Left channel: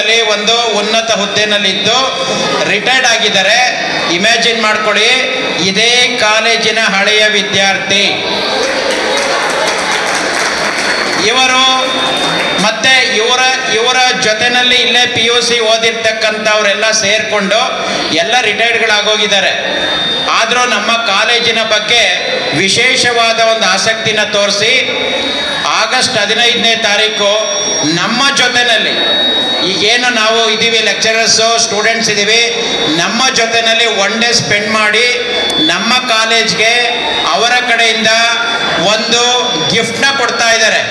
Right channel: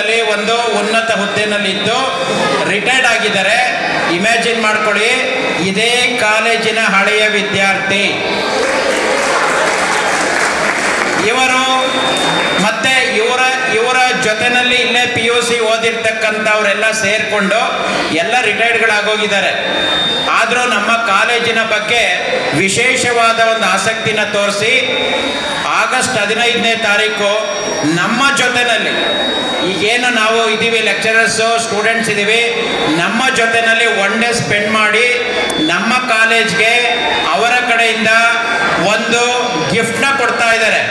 ಸ್ಕೂಲಲ್ಲಿ ಒಂದು ಉನ್ನತ ಹುದ್ದೆನಲ್ಲಿದ್ದು ರಿಟೈರ್ಡ್ ಆಗಿದ್ದಾರೆ. ಇಮ್ಯಾಜಿನ್ ಮಾಡ್ಕೊಳ್ಳಿ, ಇದೇ ಕಾಲೇಜಿನ ಹಳೆಯ ವಿದ್ಯಾರ್ಥಿ ಇವರು. ಮತ್ತೆ ಇವರ ಜೊತೆನಲ್ಲಿ ಇಲ್ಲೇ PUC ಓದಿರ್ತಕ್ಕಂಥವರೆಲ್ಲ ಸೇರಿಕೊಂಡು ಎಲ್ಲ ರಿಟೈರ್ಡ್ಗಳಾಗೋಗಿದ್ದಾರೆ. ಆದರೂ ನಮ್ಮ ಕಾಲೇಜಿನ ಬಗ್ಗೆ ವಿಶೇಷವಾದ ಒಂದು ಆಸಕ್ತಿನ ತೋರಿಸಿ ಆಗಸ್ಟ್ 15ನೇ ತಾರೀಕು ನಮ್ಮ ಜೊತೆಯಲ್ಲಿ ಈಗೇನು ನಾವು ಇದ್ದೀವಿ, ಲೆಕ್ಚರರ್ಸು ಸ್ಟೂಡೆಂಟ್ಸ್ ಇದ್ದೀವಿ, ನಮ್ಮ ಜೊತೆಯಲ್ಲಿ ಒನ್ ಡೇ ಸ್ಪೆಂಡ್ ಮಾಡಿ ನಮ್ಮ ಕಾಲೇಜ್ಗೆ ಅವರ ಕಡೆಯಿಂದ ಒಂದು ಗಿಫ್ಟ್ನ ಕೊಡ್ತಾ ಇದ್ದಾರೆ.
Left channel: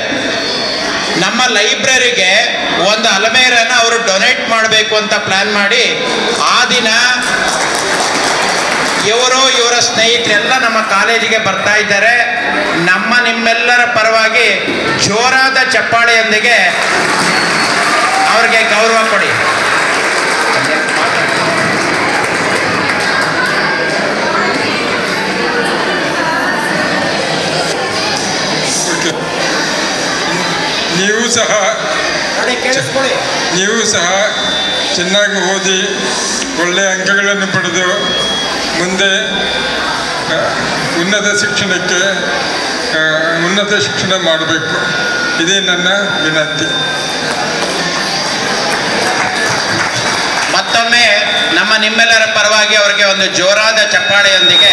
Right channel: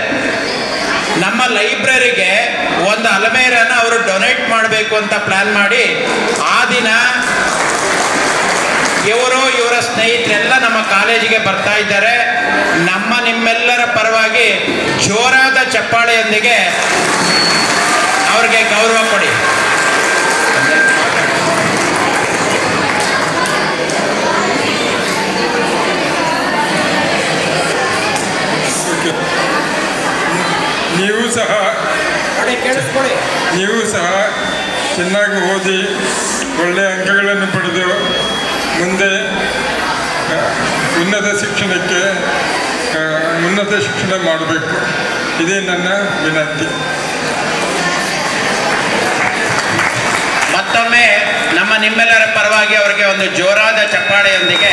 ನಮ್ಮ ಲೈಬ್ರರಿಗೆ ಒಂದು ಅಲಮೇರನ ಅವರು ಡೊನೇಟ್ ಮಾಡಬೇಕು ಅಂತ ಪ್ಲ್ಯಾನ್ ಮಾಡಿ ಆ ದಿನ ಇವರ ಸ್ನೇಹಿತರೆಲ್ಲ ನಮ್ಮ ಕಾಲೇಜಿಗೆ ಬರ್ತಾ ಇದ್ದಾರೆ. ನಿಮ್ಮೆಲ್ಲರ ಪರವಾಗಿ ಜೋರಾದ ಚಪ್ಪಾಳೆಯೊಂದಿಗೆ ಅವ್ರಿಗೆ ಗೌರವ ಕೊಡಿ. ನೀವು ಸಹ ಚೆನ್ನಾಗಿ ಓದಿ ಒಳ್ಳೆಯ ಅಂಕಗಳನ್ನು ಪಡೆದು ಮುಂದೆ ಉನ್ನತ ಶಿಕ್ಷಣ ಮಾಡಬೇಕು. ಇದೇ ನನ್ನ ವಿನಂತಿ. ಮತ್ತೊಮ್ಮೆ ನಿಮ್ಮೆಲ್ಲರ ಪರವಾಗಿ ಅವರಿಗೆ ಒಂದು ಜೋರಾದ ಚಪ್ಪಾಳೆಯೊಂದಿಗೆ